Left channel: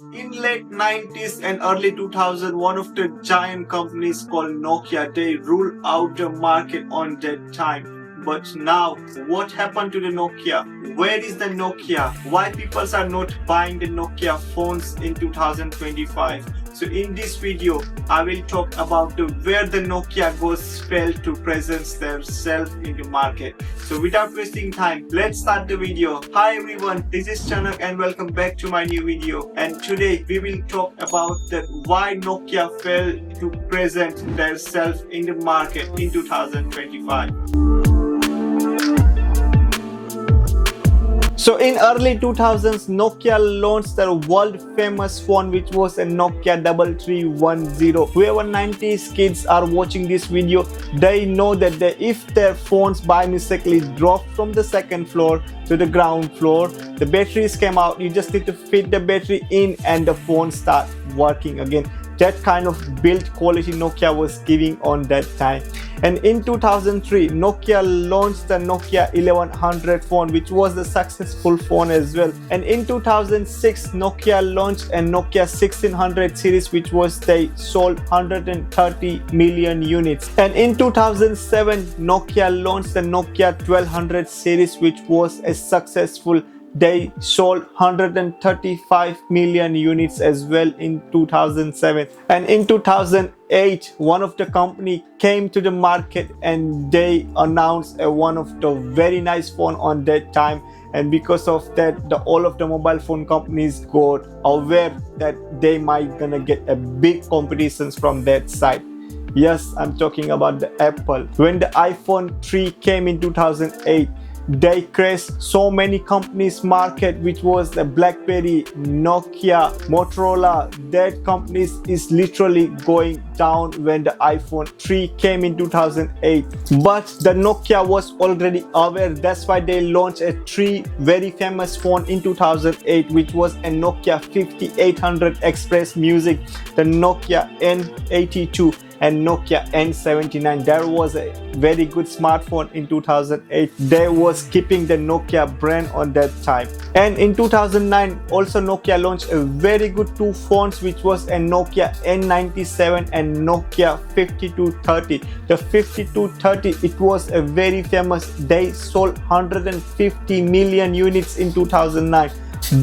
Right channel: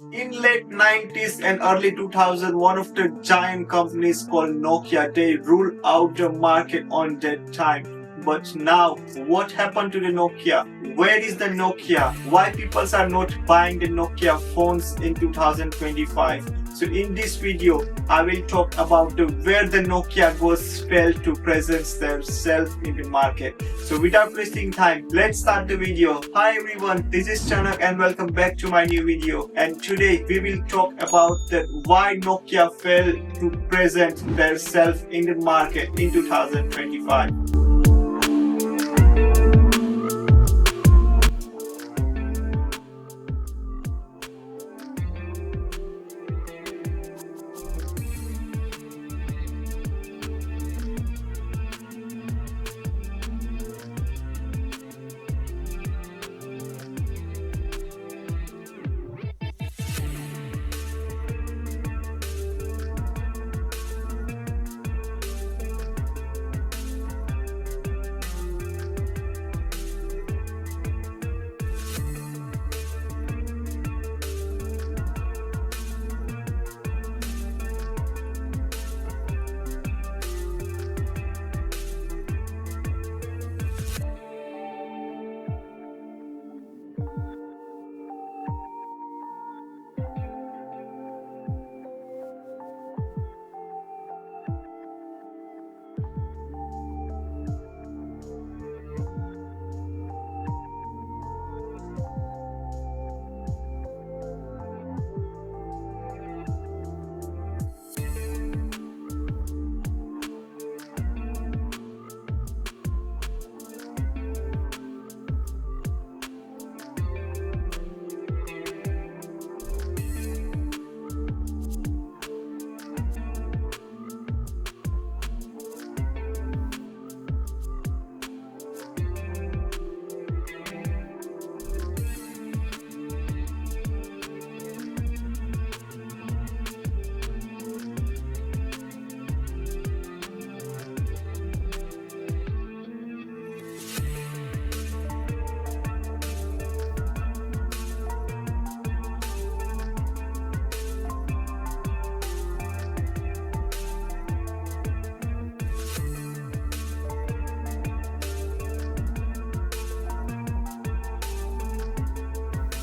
In late 90s and early 2000, one of the giant companies called Nokia, they ruled out the market on that time. But now, what happened to the Nokia? Where is the Nokia? Why people are not buying the Nokia phones in 2025? So in this video, I will talk about where the Nokia goes failed to present themselves in the market. So without wasting time, let's start the video. Hi everyone, this is Chanak and welcome back to my new video. And today we will talk about why Nokia failed to present themselves in the market in 2025. So in early 2000s, Nokia launched their world famous phone, which was a Nokia 3310. Whoever 90s kids are watching this video, they know that if their phones by mistakenly drop from the second floor to the ground floor, the batteries came out, you just need to fit the battery in and the phone starts working again. That kind of build quality Nokia was giving on that time. And in 2003, Nokia launched the Nokia 1100 phone, which was a successful phone as well. And in 2006, Nokia launched a Nokia 1600 series, which was they sold 130 million units. And in 2007, Nokia launched the Nokia 1200 series, which was a successful. They sold 135 million units as well in 2007. And in 2008, one of the company came to the market and they announced one of the very nice phone on that time. And because of that, all of the mobile phone companies got aware that they might gonna get a big competitions from that side. Yes, I'm talking about the Apple. When the iPhone 3 came in 2008, they crashed so many companies market, which was the BlackBerry, Nokia, Motorola. That companies is literally going down when the iPhone 3 came in 2008. But the Nokia was already aware. That's why they launched a three very famous phone in 2008, which was a Nokia 5800 Express Music, the Nokia N82 and Nokia N79. There was a very good smartphone in 2008. They was keeping the Nokia brand on that time. And in 2009, also Nokia launched a very good two phones, which was a Nokia N97 and Nokia 5230. The 5230, it was a very famous. They sold 150 million units in 2009.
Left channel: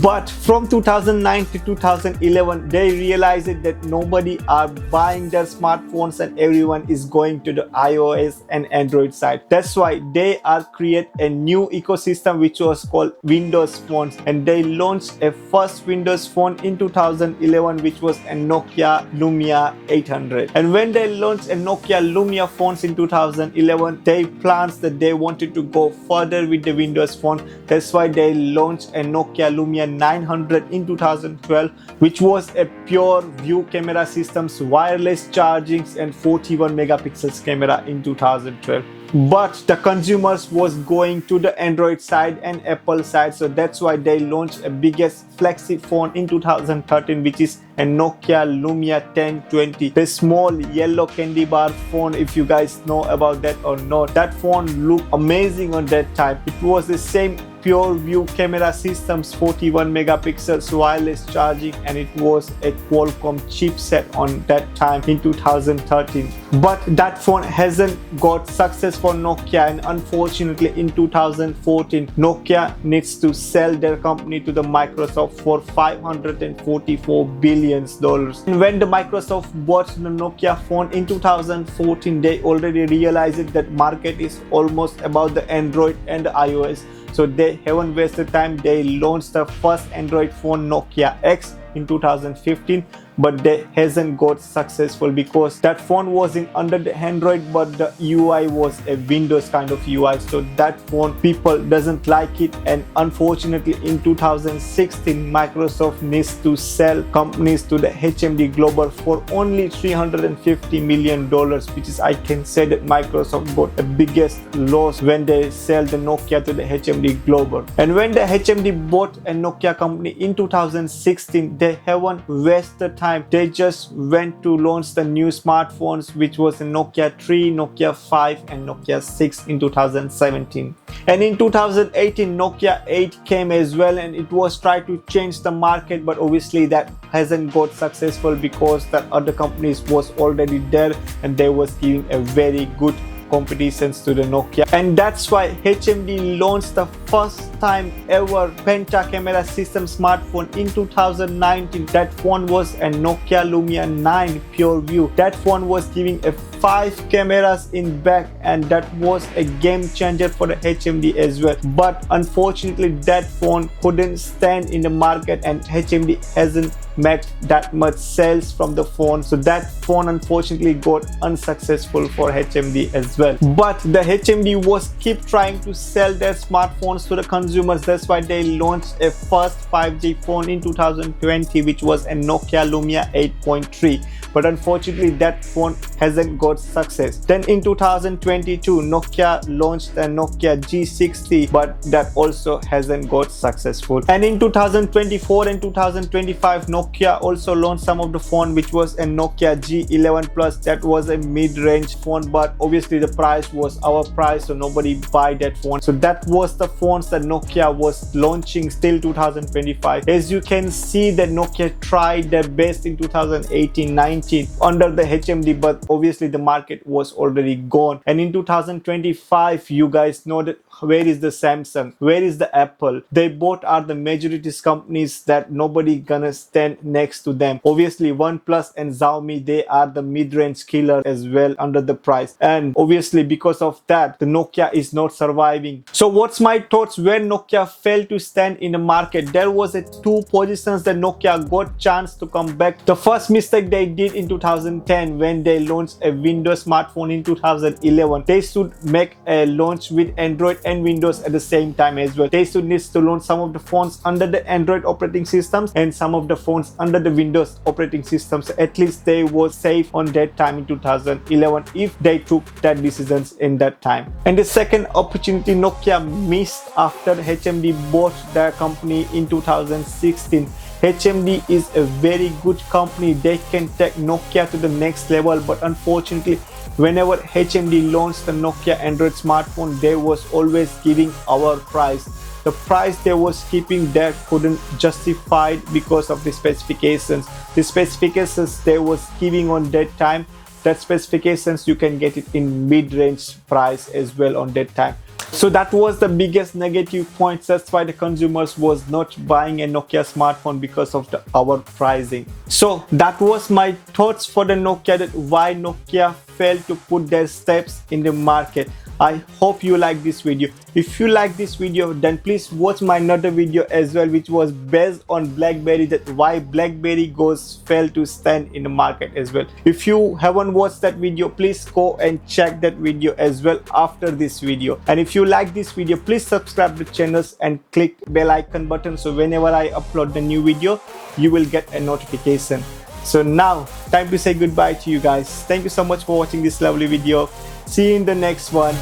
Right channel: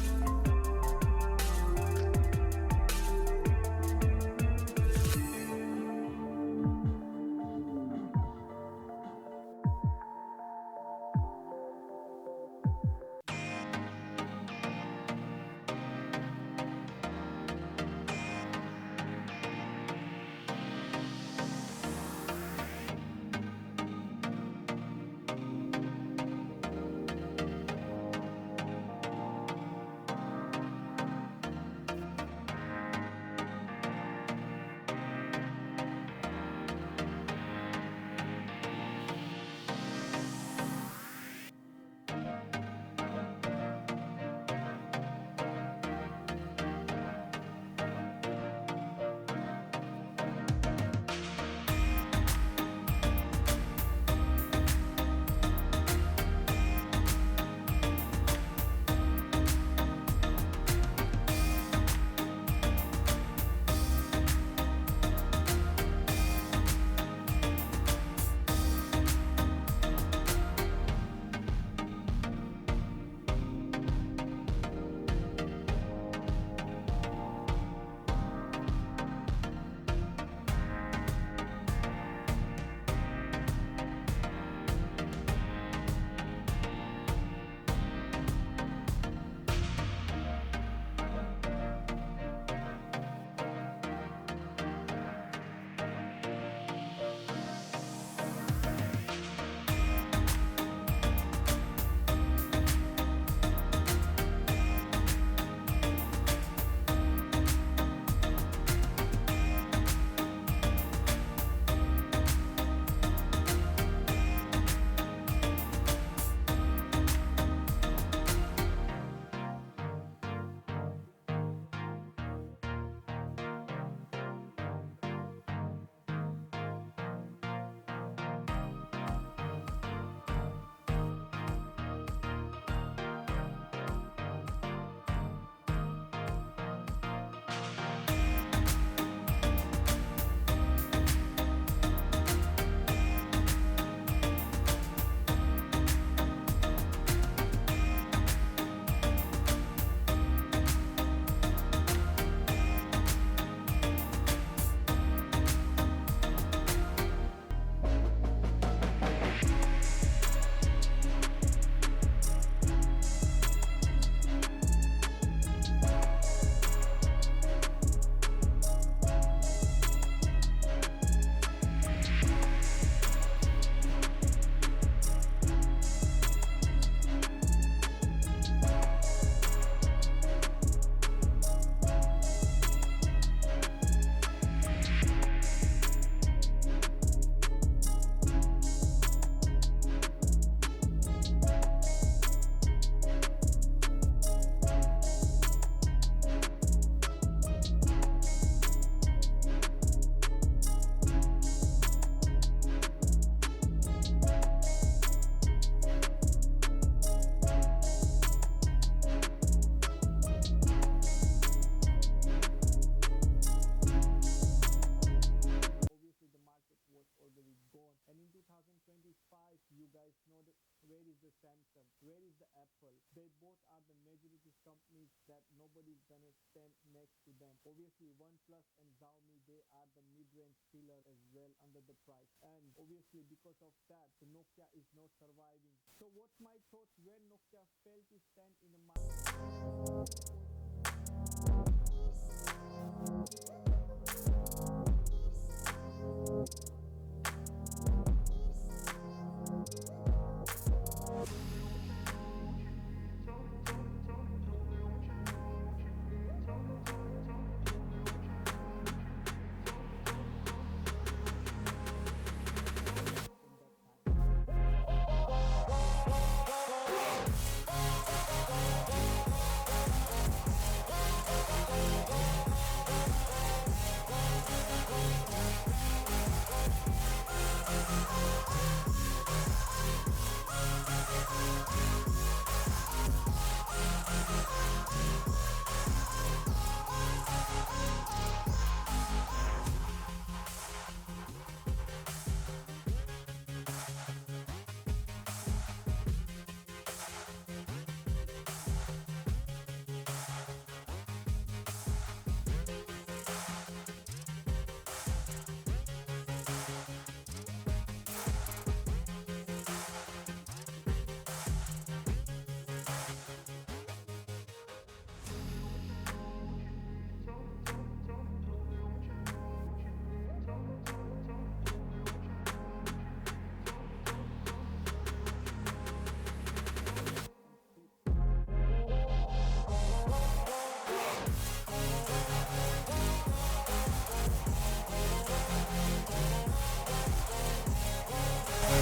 But from 2009 to 2011, they realized that nobody are buying their smartphones and everyone is going to the iOS and Android side. That's why they are create a new ecosystem, which was called Windows phones. And they launched a first Windows phone in 2011, which was a Nokia Lumia 800. And when they launched a Nokia Lumia phones in 2011, they plans that they wanted to go further with the Windows phone. That's why they launched a Nokia Lumia 900 in 2012, which was a pure view camera systems, wireless chargings and 41 megapixels camera in 2012. But the consumers was going to the Android side and Apple side, so that's why they launched a biggest flagship phone in 2013, which is a Nokia Lumia 1020, the small yellow candy bar phone. If you guys know about that or not, that phone looked amazing on that time. It was the same pure view camera systems, 41 megapixels, wireless charging, and it was a Qualcomm chipset on that time in 2013. But that phone hasn't got success for Nokia, and unfortunately in 2014 Nokia needs to sell their company to the Microsoft for $544 billion. And when the Microsoft bought the Nokia phone in 2014, they already realized that market is almost about the Android and the iOS. So they haven't wasted time. They launched the first Android phone, Nokia X, in 2015, but they hasn't got successful because that phone was in under the Android, but the UI was a Windows kind of UI. So that phone people doesn't like it, and unfortunately in 2016 Microsoft needs to sell companies to the HMD Global for only $350 million, which is, I can say that Microsoft got the biggest loss when they sell the Nokia to the HMD Global. And when the HMD bought a Nokia company in 2016, they haven't wasted time. They just went to launch the new smartphones, which was the Nokia 3, Nokia 5 and Nokia 6 in 2017. And in 2018, Nokia 8 came as well, and it was trying to change the market, but obviously that hasn't got successful because the other companies was already there and they was giving a very good competitions to the Nokia. And that's why HMD launched the first time ever penta camera system smartphone in 2019. That phone was a Nokia Lumia 9 Pure View. That phone was giving a 5 cameras in back, and that was a game changer for the HMD as well. But unfortunately that phone couldn't stand in the market, and HMD hasn't made that much sales from the phone, so that phone unfortunately got unsuccessful for HMD as well. But the HMD was keep trying to sell their smartphones to the consumers. That's why they launched a first 5G phone in 2020, which was a Nokia Lumia 8.3. But unfortunately that phone hasn't got success. Then in 2022 Nokia launched a Nokia G60, but that also hasn't got successful. And in 2024 and 2025 Nokia also launched some of the phone, which was a Nokia G11 Plus. That was a mid-range phone, but obviously the price was our price, so nobody buy that phone. So that was the phones that Nokia was launching till 2025. As you can see that Nokia tried their best in 2018-19 under the HMD, but obviously the market was already gone. And in 2025, you guys know that where is the Samsung, where is the Apple? They both are the majorities companies that nobody gonna stand next to them. Obviously OnePlus and Xiaomi, they are the mid-range killer as well under the price, and obviously because of that the Nokia is not surviving. So what's my thoughts when Nokia failed to stand in the market? There was a two positions that Nokia got chance to come back. The first mistake they did in 2010 when they launched a Windows smartphone in 2011. They should make a launch with Android and Windows at the same time as well. They should need to launch some of the phones under the Android operating systems and some of the phones under the Windows operating systems. At least they were safe on that time in 2011 if they took that decisions in that time. And the second opportunity Nokia missed after HMD bought their company in 2016. HMD is a very good company. They can take Nokia to the next level, but unfortunately whenever HMD launched the Nokia Android smartphone, they was always giving our price. The price they was keeping that couldn't justify it because of the specifications. The specifications they was giving on that time, that specifications you can get it in mid-range price as well on that time. So that was the biggest negative point. That's why the consumers was not buying a Nokia smartphone because of our pricing. So that was my thoughts for the Nokia, that why Nokia failed to put their steps in the market. I hope you like this video. If you like this video, then please watch my another video as well, which was based on BlackBerry, that why BlackBerry goes fail to stand in the market as well. If you haven't watched that video, please go and check that video as well after this video. And if you like this video, please subscribe to the channels and click bell icon button, so whenever I upload the new video you will get a notification. So now time to say goodbye to you guys. Thank you so much for watching this lovely video. See you in the next one.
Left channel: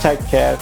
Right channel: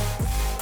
Take care.